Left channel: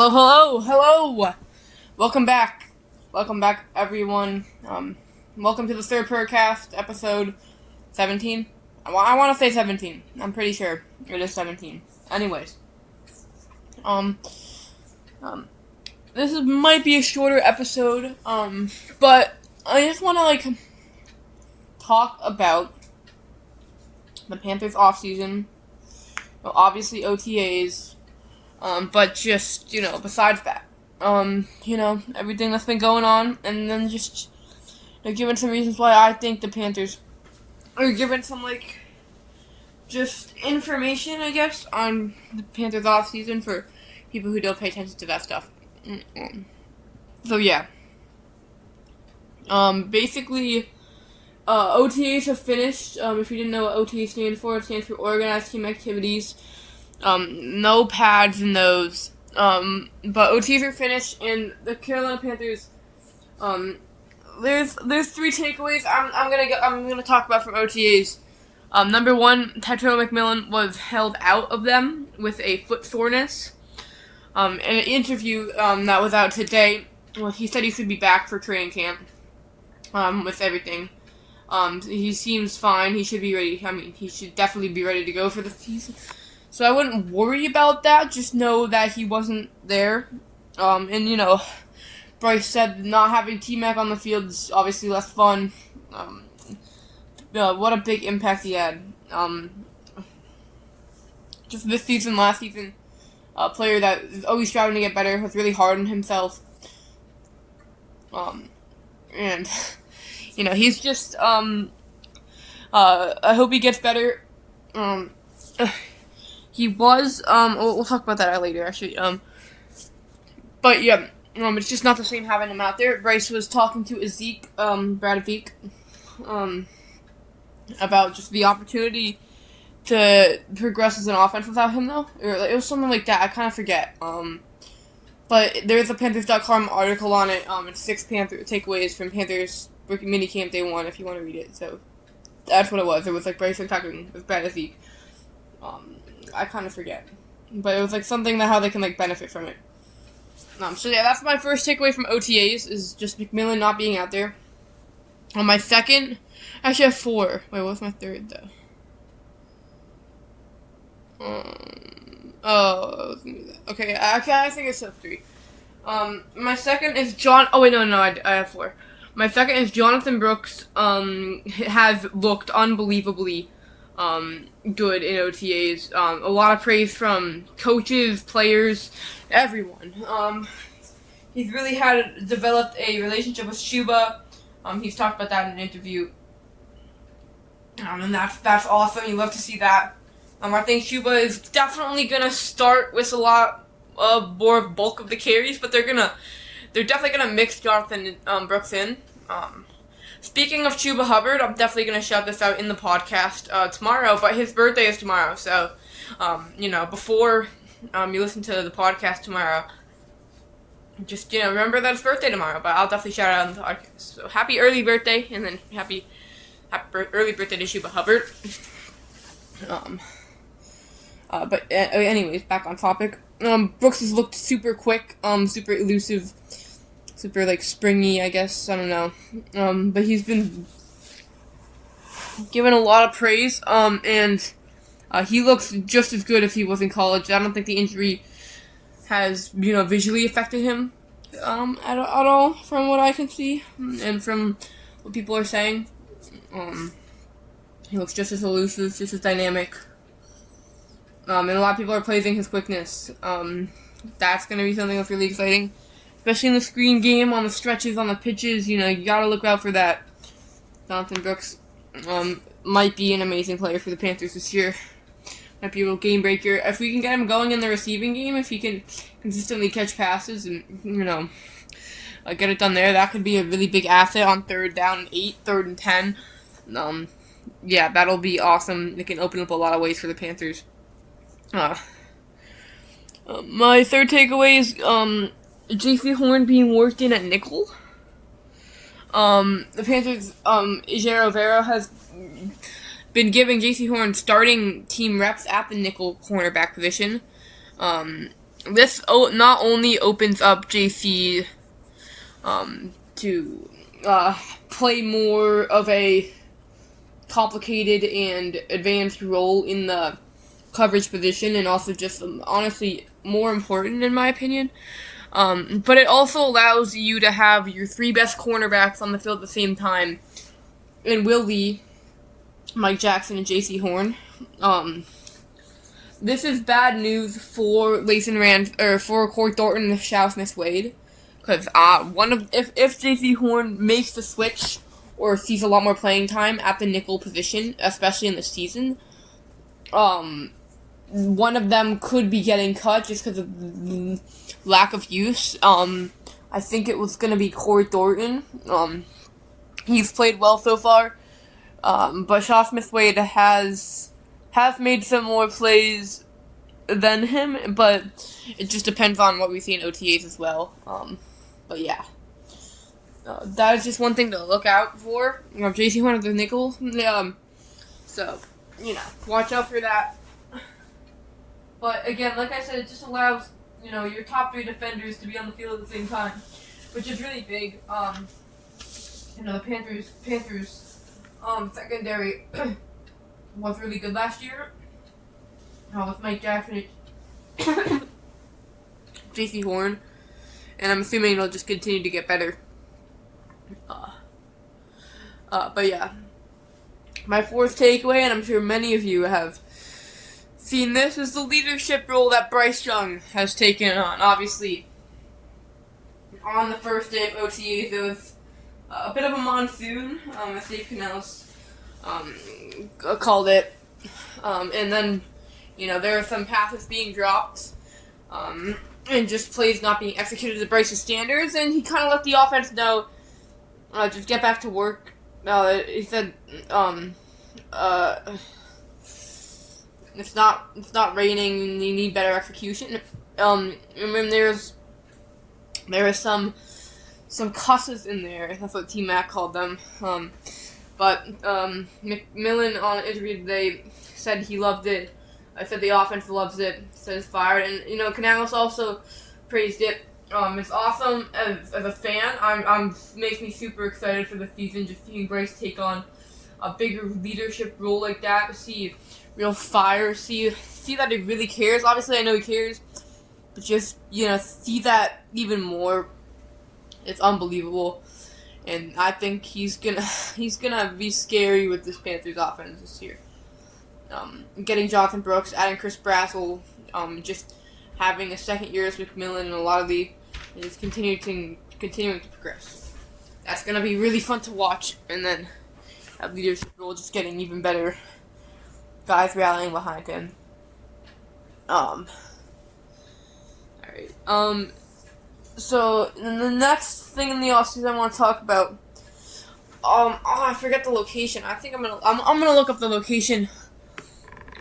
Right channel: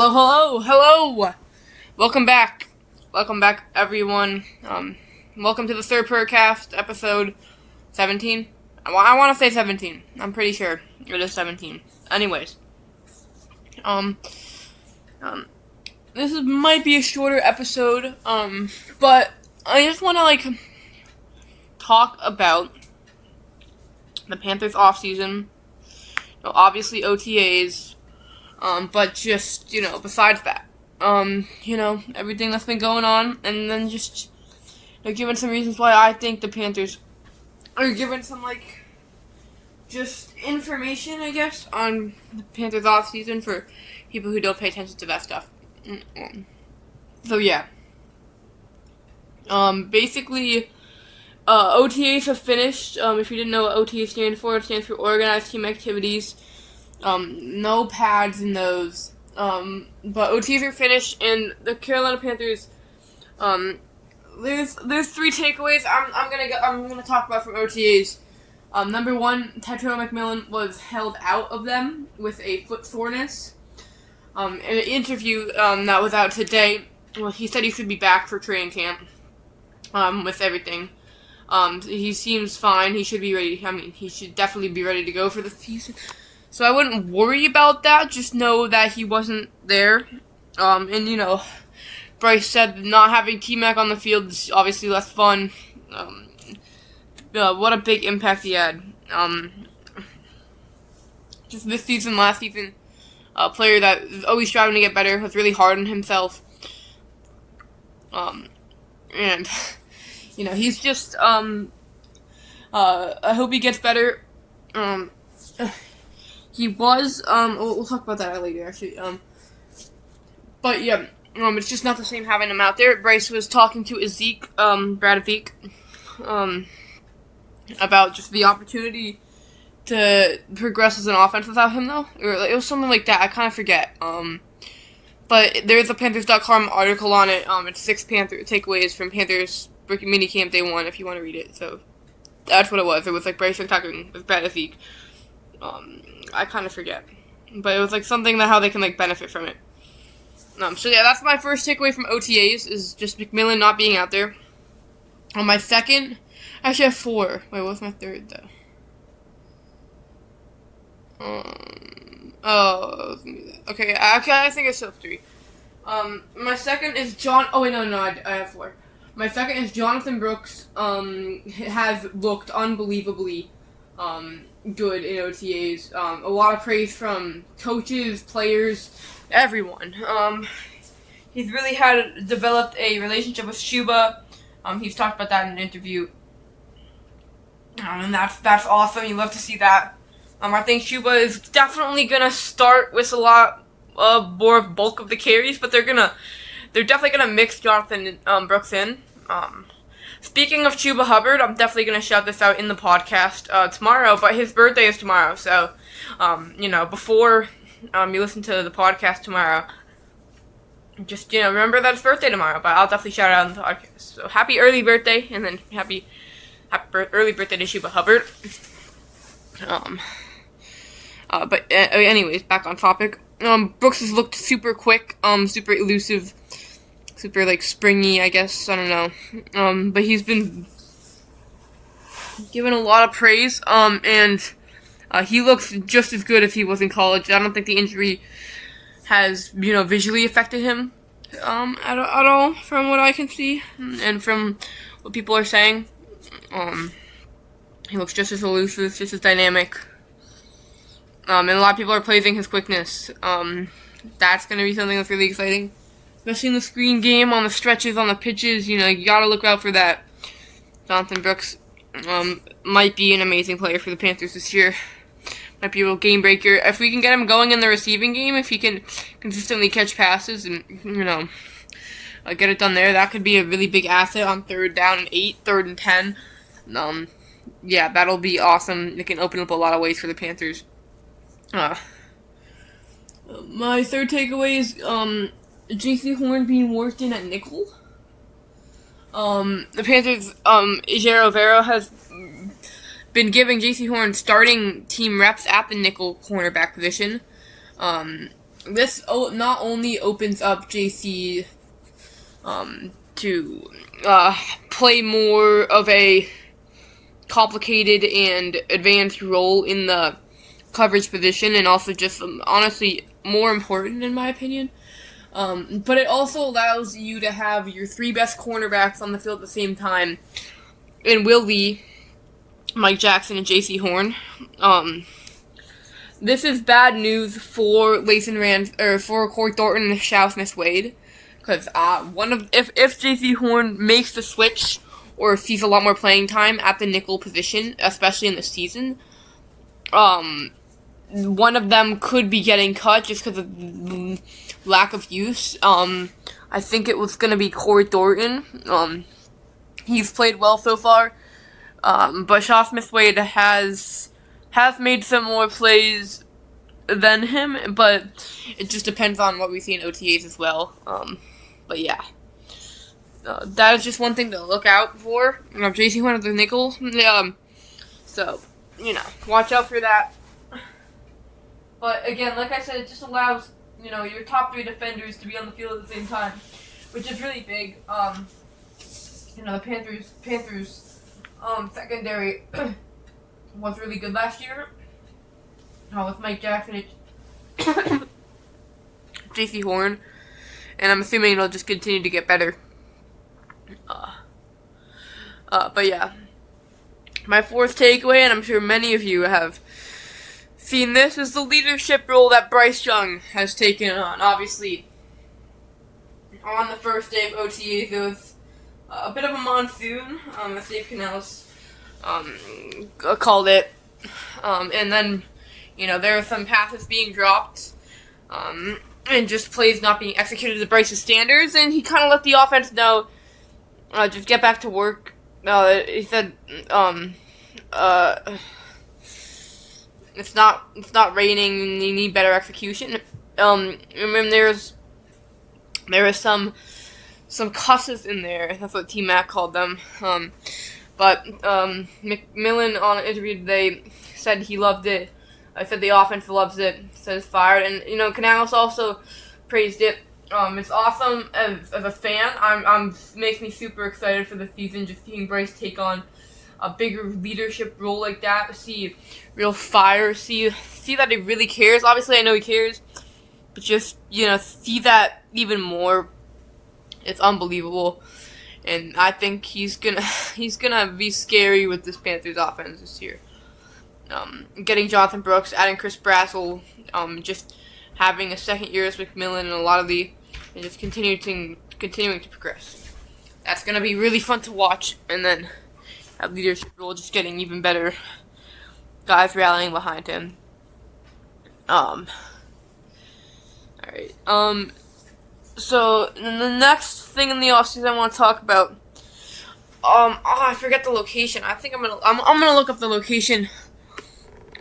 Hello, hello, hello! Welcome back. Welcome back, everyone. Welcome to the Sir Purrcast episode 17. I want to say 17. I'm pretty sure it is 17. Anyways. This might be a shorter episode, but I just want to, talk about the Panthers offseason. Obviously OTAs, but just, besides that, everything that's been going on, and then just, giving some reasons why I think the Panthers are giving some, just information, I guess, on the Panthers offseason for people who don't pay attention to that stuff. So, yeah. Basically, OTAs have finished. If you didn't know what OTAs stand for, it stands for Organized Team Activities. No pads in those. But OTAs are finished, and the Carolina Panthers, there's three takeaways I'm gonna talk about from OTAs. Number one, Tetrell McMillan was held out of them with a foot soreness. In an interview that was out today, he said he should be back for training camp. With everything. He seems fine. He should be ready. I mean, he should definitely be ready to go for the season. So I wouldn't worry about that. Just know that he wasn't there. And, Bryce said not having T-Mac on the field is obviously less fun. What a big impact he had. Just this season, last season, a player that is always striving to get better, was really hard on himself. And, he's just, I hope he gets better. He was, we'll talk about that later, actually. But, yeah, it's just not the same having him out there. Bryce was talking to Brad Zeke, about just the opportunity to progress as an offense without him, though. Or it was something like that. I kind of forget. But there's a Panthers.com article on it. It's 6 Panther takeaways from Panthers rookie minicamp day 1, if you want to read it. So that's what it was. It was Bryce talking with Brad Zeke. I kind of forget. But it was something that how they can benefit from it. So yeah, that's my first takeaway from OTAs, is just McMillan not being out there. On my second, actually I have 4. Wait, what's my third though? Okay, I think I still have 3. My second is I have 4. My second is Jonathan Brooks, has looked unbelievably, good in OTAs. A lot of praise from coaches, players, everyone. He's really developed a relationship with Shuba. He's talked about that in an interview. And that's awesome. You love to see that. I think Shuba is definitely gonna start with a lot more bulk of the carries, but they're definitely gonna mix Jonathan Brooks in. Speaking of Chuba Hubbard, I'm definitely gonna shout this out in the podcast tomorrow. But his birthday is tomorrow, so before you listen to the podcast tomorrow, just remember that it's birthday tomorrow. But I'll definitely shout it out in the podcast. So happy early birthday, and then happy early birthday to Chuba Hubbard. But anyways, back on topic. Brooks has looked super quick, super elusive, super springy, I guess. I don't know. But he's been given a lot of praise. And he looks just as good as he was in college. I don't think the injury has, visually affected him at all, from what I can see and from what people are saying. He looks just as elusive, just as dynamic. And a lot of people are praising his quickness. That's going to be something that's really exciting. Especially in the screen game, on the stretches, on the pitches. You got to look out for that. Jonathan Brooks might be an amazing player for the Panthers this year. Might be a real game breaker. If we can get him going in the receiving game, if he can consistently catch passes and, get it done there, that could be a really big asset on 3rd down and 8, 3rd and 10. Yeah, that'll be awesome. It can open up a lot of ways for the Panthers. My third takeaway is J.C. Horn being worked in at nickel. The Panthers, Ejiro Rivera has been giving J.C. Horn starting team reps at the nickel cornerback position. this not only opens up JC to play more of a complicated and advanced role in the coverage position, and also just honestly more important in my opinion. But it also allows you to have your three best cornerbacks on the field at the same time, in Will Lee, Mike Jackson, and J.C. Horn. This is bad news for for Corey Thornton and Shao Smith-Wade, because if J.C. Horn makes the switch or sees a lot more playing time at the nickel position, especially in the season, one of them could be getting cut just because of lack of use. I think it was going to be Corey Thornton. He's played well so far, but Shao Smith-Wade has made some more plays than him, but it just depends on what we see in OTAs as well. But yeah. That is just one thing to look out for. JC Horn of the nickel. So, watch out for that. But again, like I said, it just allows, your top three defenders to be on the field at the same time, which is really big. The Panthers secondary was really good last year. With Mike Jackson and JC Horn. And I'm assuming it'll just continue to get better. But yeah, my fourth takeaway, and I'm sure many of you have seen this, is the leadership role that Bryce Young has taken on. Obviously, on the first day of OTAs, there was a bit of a monsoon, as Dave Canales called it, and then, there were some passes being dropped, and just plays not being executed to Bryce's standards, and he kind of let the offense know, just get back to work. He said, it's not raining. You need better execution. And then there was some cusses in there. That's what T Mac called them. But McMillan on an interview today said he loved it. I said the offense loves it. Said it's fired, and Canales also praised it. It's awesome as a fan. Makes me super excited for the season. Just seeing Bryce take on a bigger leadership role like that, to see real fire, see that he really cares. Obviously, I know he cares, but just see that even more. It's unbelievable, and I think he's gonna be scary with this Panthers offense this year. Getting Jonathan Brooks, adding Chris Brassel, just having a second year with McMillan and just continuing to progress. That's going to be really fun to watch, and then that leadership role just getting even better. Guys rallying behind him. Alright. So, the next thing in the offseason I want to talk about, I forget the location. I think I'm gonna look up the location.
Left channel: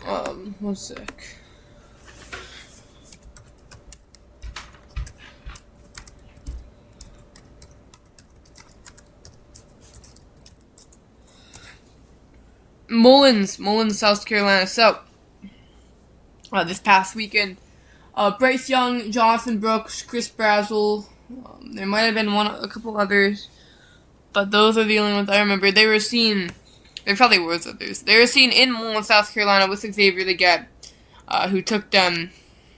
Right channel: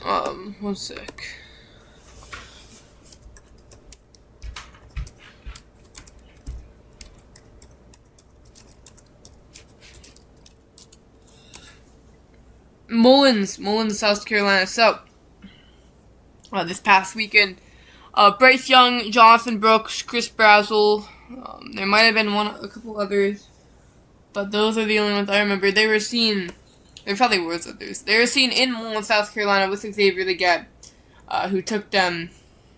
One sec. Mullins, South Carolina. So, this past weekend, Bryce Young, Jonathan Brooks, Chris Brassel, there might have been a couple others, but those are the only ones I remember. There probably were others. They were seen in Mullins, South Carolina with Xavier Leggett, who took them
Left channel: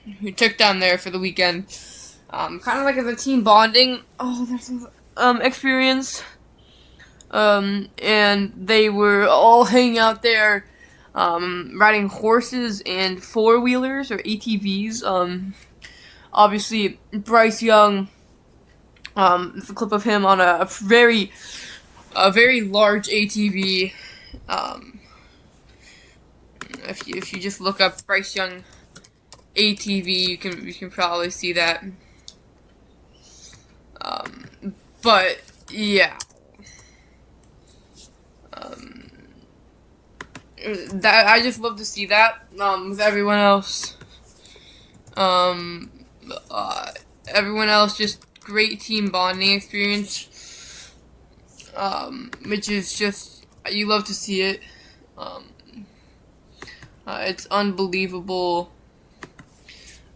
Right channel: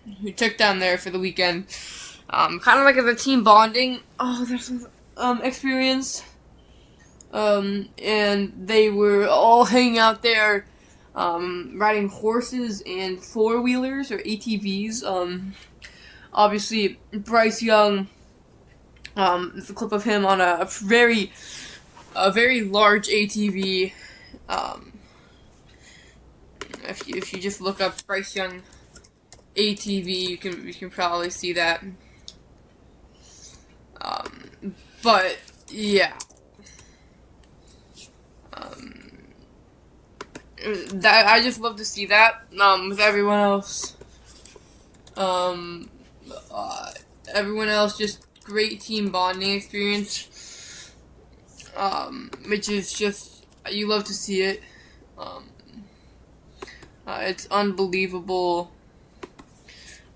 there for the weekend. Kind of like as a team bonding experience. And they were all hanging out there, riding horses and four-wheelers or ATVs. Obviously, Bryce Young, there's a clip of him on a very large ATV. If you just look up Bryce Young ATV, you can probably see that. But yeah. That I just love to see that with everyone else. Everyone else, just great team bonding experience. Which is just, you love to see it. It's unbelievable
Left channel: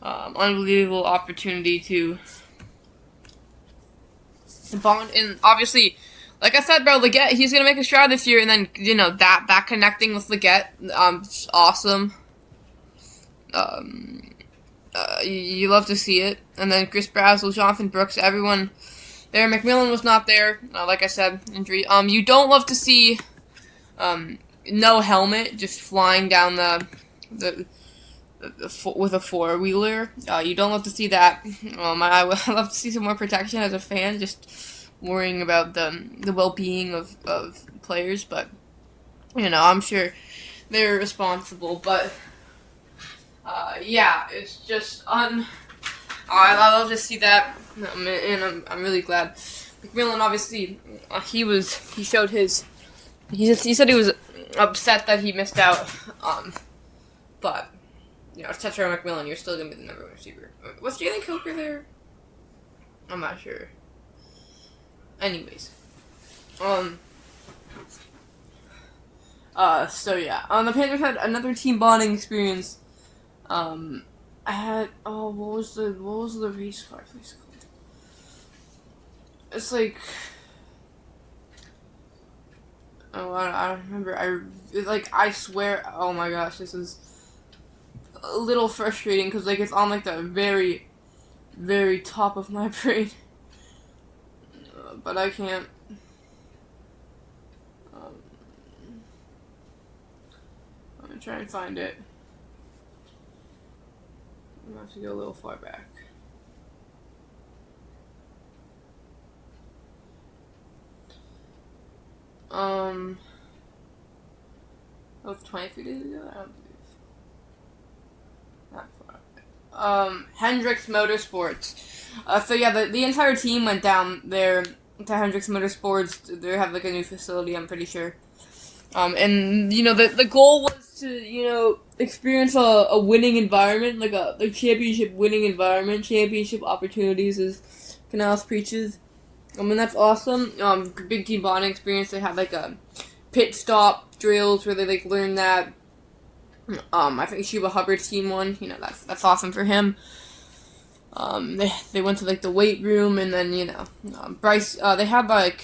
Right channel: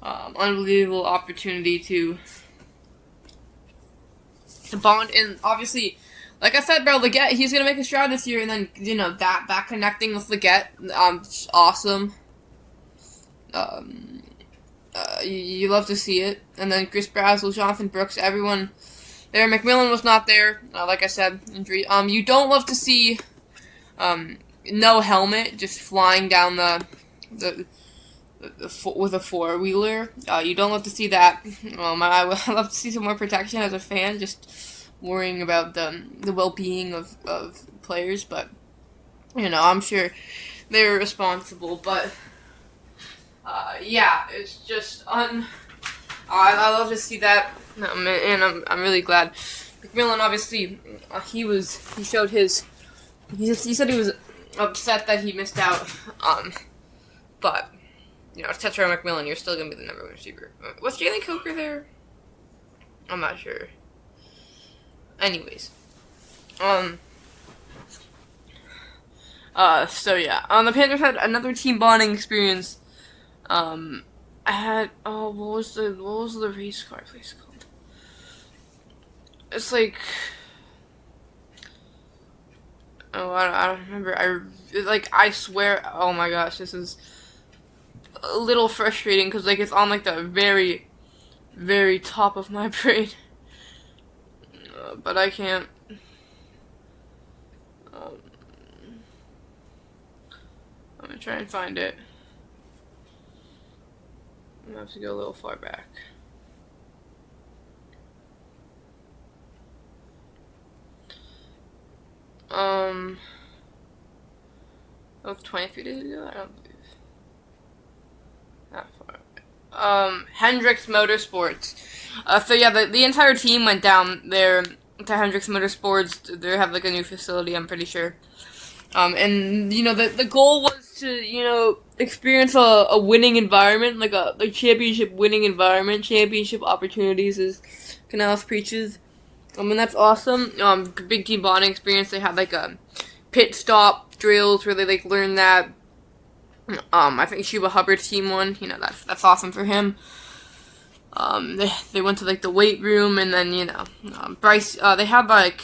unbelievable opportunity to bond. And obviously, like I said, bro, Leggett, he's gonna make a stride this year, and then that connecting with Leggett, it's awesome. You love to see it. And then Chris Brazzell, Jonathan Brooks, everyone there. McMillan was not there, like I said, injury. You don't love to see no helmet, just flying down the with a four-wheeler. You don't love to see that. I love to see some more protection as a fan, just worrying about the well-being of players. But, I'm sure they're responsible. But, yeah, it's just I love to see that, and I'm really glad. McMillan, obviously, he said he was upset that he missed out, but, Tetra McMillan, you're still going to be the number one receiver. Was Jalen Coker there? I'm not sure. Anyways. So yeah. The Panthers had another team bonding experience. What was the race car place called? It's like, I don't remember. I swear, oh my gosh, this is a little frustrating because it's on the very, very top of my brain, but I can't. I'm gonna try and find it. I'm gonna have to go a little far back. That was 23 days ago? I don't believe. Not far away. Hendricks Motorsports. So yeah, the entire team went down there to Hendricks Motorsports. They have a new facility, I'm pretty sure. And the goal was to experience a winning environment, like a championship winning environment, championship opportunities, as Canales preaches. And that's awesome. Big team bonding experience. They had a pit stop drills where they learned that. I think Sheba Hubbard's team won. That's awesome for him. They went to the weight room, and then Bryce. They had the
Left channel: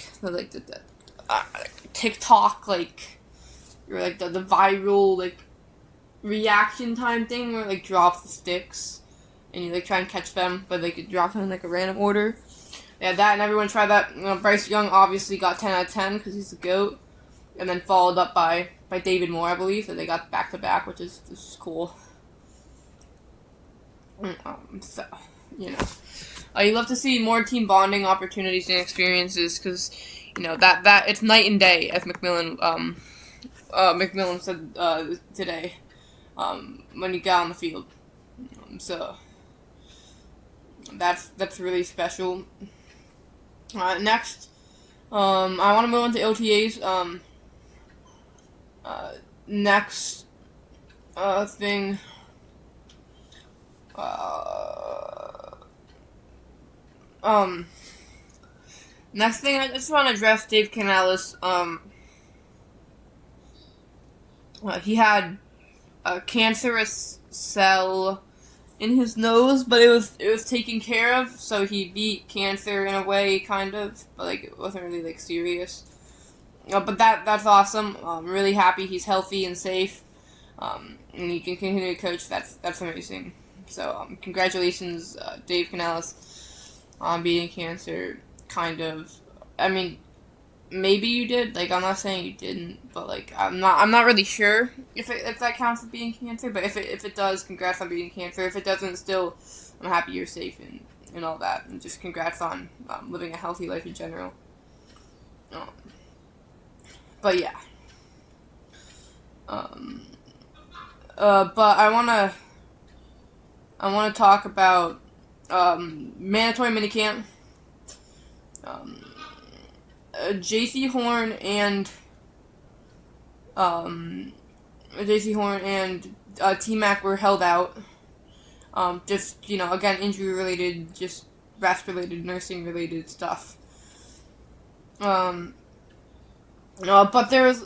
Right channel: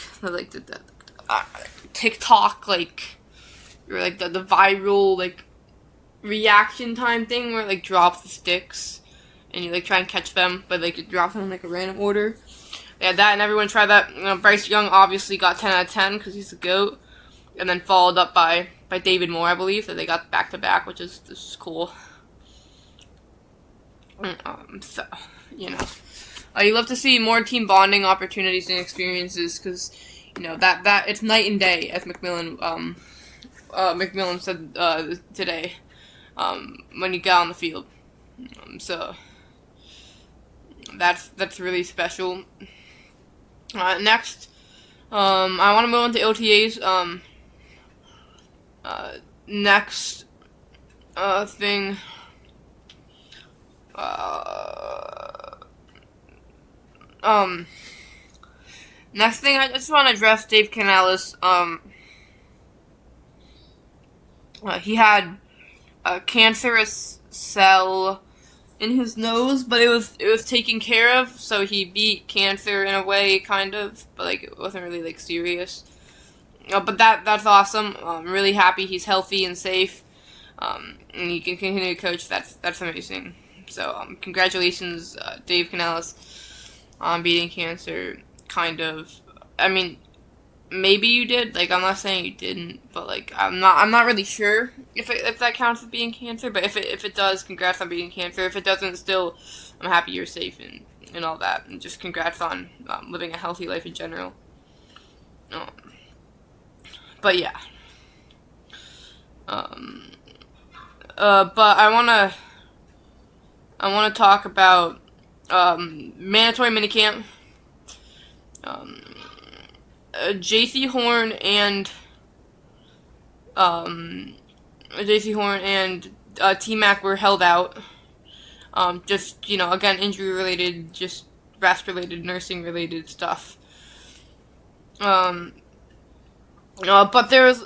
TikTok or the viral reaction time thing where drop the sticks, and you try and catch them, but you drop them in a random order. They had that, and everyone tried that. Bryce Young obviously got 10 out of 10 because he's the GOAT, and then followed up by David Moore, I believe. So they got back-to-back, which is cool. So, you love to see more team bonding opportunities and experiences because, that it's night and day, as McMillan said today, when you get on the field. So that's really special. Next, I want to move on to OTAs. Next thing. Next thing, I just want to address Dave Canales. He had a cancerous cell in his nose, but it was taken care of, so he beat cancer in a way, kind of, but it wasn't really serious. But that's awesome. I'm really happy he's healthy and safe, and he can continue to coach. That's amazing. So congratulations, Dave Canales, on beating cancer. Kind of. I mean, maybe you did. I'm not saying you didn't, but I'm not really sure if that counts as being cancer. But if it does, congrats on beating cancer. If it doesn't, still, I'm happy you're safe and all that. And just congrats on living a healthy life in general. But yeah. But I wanna talk about mandatory minicamp. JC Horn and T-Mac were held out. Just, again, injury related, just rest related, nursing related stuff. But there was,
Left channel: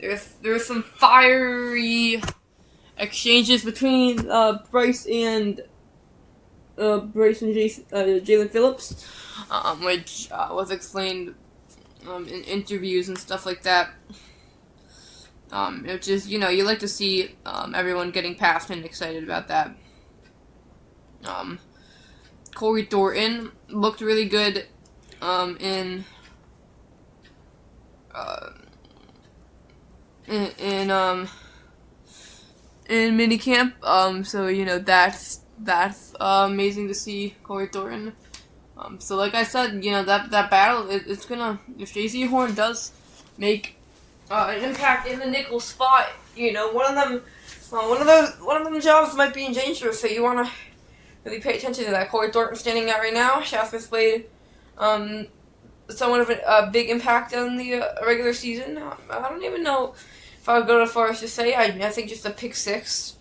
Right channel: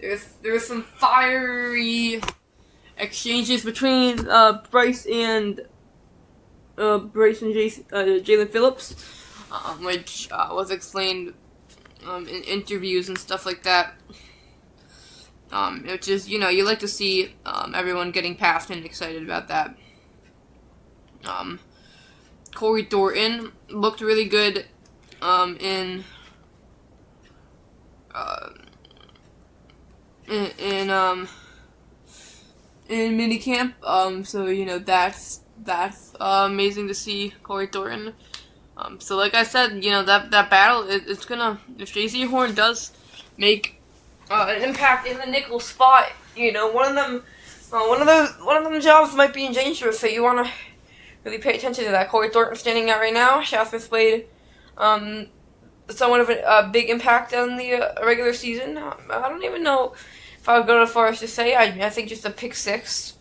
there was some fiery exchanges between Bryce and Jalen Phillips, which was explained in interviews and stuff like that. Which is, you like to see everyone getting passionate and excited about that. Corey Thornton looked really good in minicamp. So that's amazing to see Corey Thornton. So like I said, that battle it's gonna, if JC Horn does make an impact in the nickel spot, one of them jobs might be in danger. So you want to really pay attention to that. Corey Thornton standing out right now. Shaftman's played somewhat of a big impact on the regular season. I don't even know if I would go as far as to say. I think just a pick six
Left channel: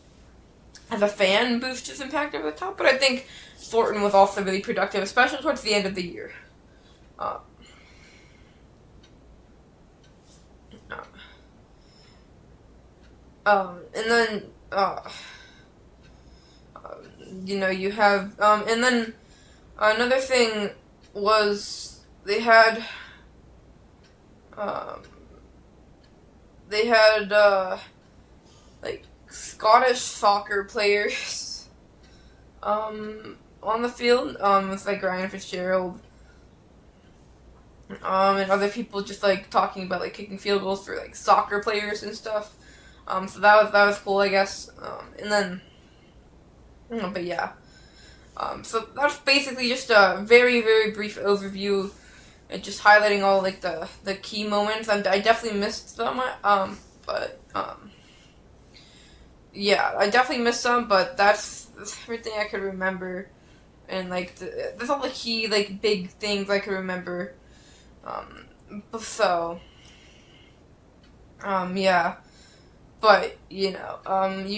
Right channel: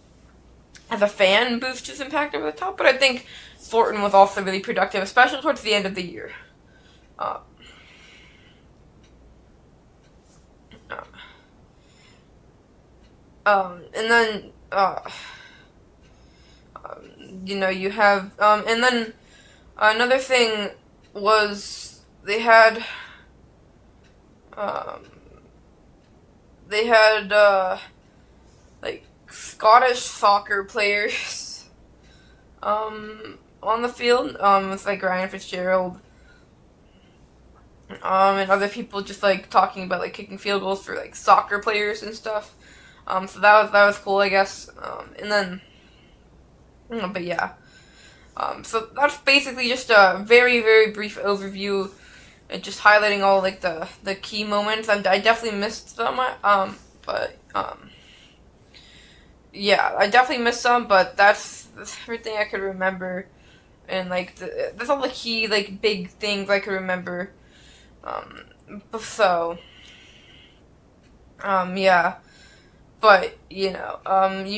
as a fan boosts his impact over the top. But I think Thornton was also really productive, especially towards the end of the year. And then, you have, and then another thing was they had like Scottish soccer players, on the field, with like Ryan Fitzgerald, and other people just like talking about like kicking field goals for like soccer players and stuff. So that was cool, I guess. And then, but yeah. So that's basically just a very, very brief overview, and just highlighting all like the key moments. I definitely missed some. Yeah, I definitely missed some, but that's everything I could remember, and like that's all the key like big things I could remember. Yeah. But, you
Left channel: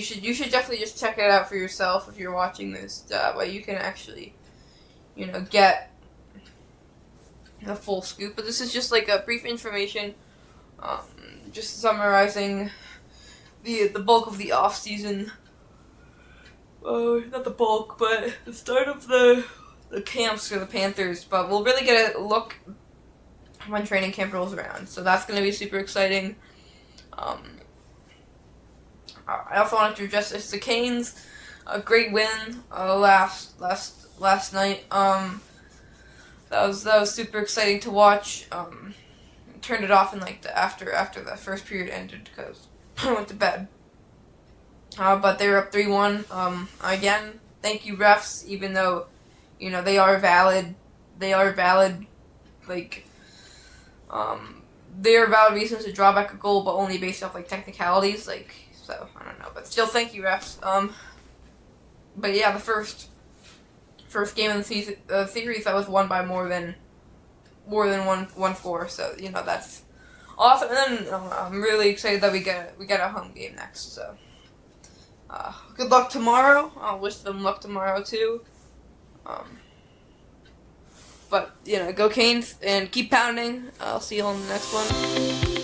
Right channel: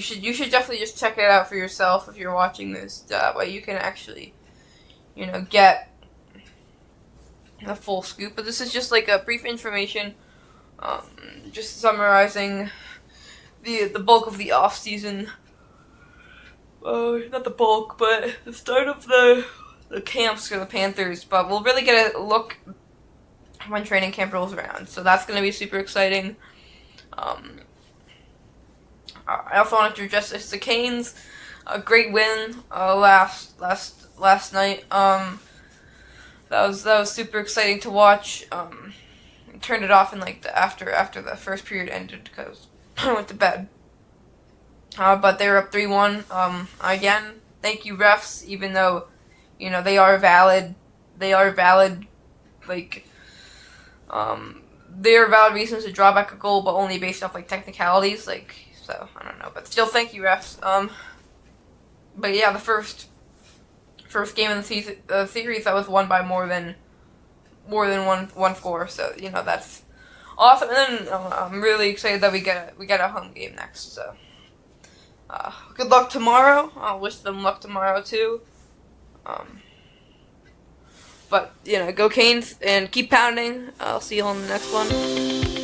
should definitely just check it out for yourself if you're watching this. That way you can actually, get the full scoop. But this is just like a brief information, just summarizing the bulk of the off season. Not the bulk, but the start of the camps for the Panthers. But we'll really get a look when training camp rolls around. So that's going to be super exciting. I also wanted to address the Canes. A great win last night. That was super exciting to watch. Turned it off in like after the first period ended because I went to bed. But they were up 3-1. Again, thank you refs. Even though they are valid. They are valid. Like they are valid reasons to draw back a goal, but only based off like technicalities. Like. So, I don't know, but still thank you, refs. But yeah, the first game in the series that was won by more than one score. So, that's awesome. And then I'm really excited that we get a home game next. So, good luck tomorrow. I'll wish them luck tomorrow too. But go Canes and keep pounding. I'll see you on the next one.